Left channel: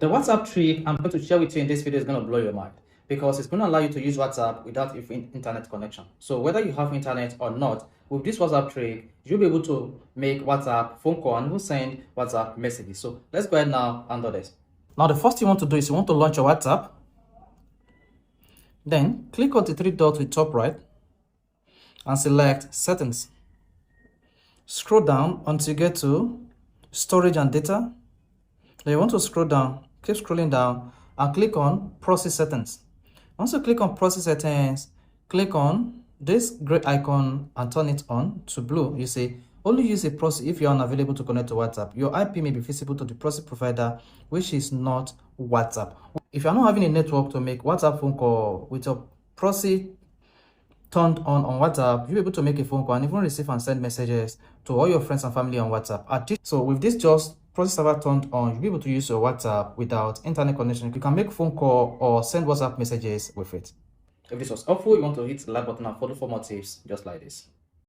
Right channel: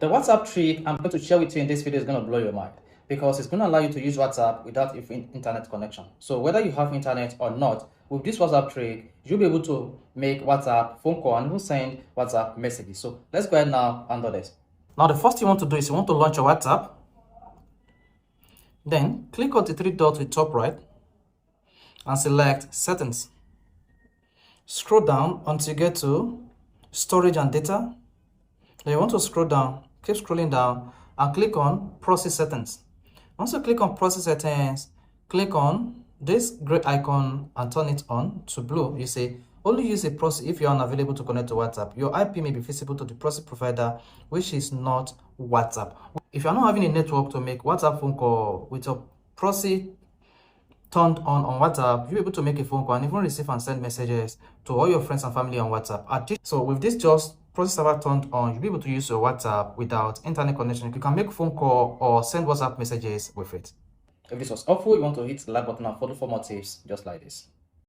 The WhatsApp trick I'm going to share with you in this video is going to blow your mind because it's going to allow you to use WhatsApp without internet connection. So whether you have internet or not, with this WhatsApp trick, you'll be able to make WhatsApp phone call and even send WhatsApp messages. So let's go ahead now and do this. Now the first thing you want to do is you want to launch your WhatsApp. Then click on the three dots with top right and select settings. Scroll down until you get to storage and data. Then you want to scroll down, keep scrolling down and click on Proxy settings. Once you click on Proxy settings, click on this gray icon and turn it on to blue. You say only use a proxy if you're unavailable to connect to WhatsApp. Your IP may be visible to the proxy provider, which is not WhatsApp. If you're not having a network to make WhatsApp phone call with your proxy turned on WhatsApp, you'll be able to make a phone call and even receive and send messages to all your friends and family on WhatsApp. So with this just proxy server turned on, you'll be able to use your WhatsApp without internet connection. You can make phone call or send WhatsApp messages with it. If this was helpful, you want to hit the like button and follow for more tips just like this.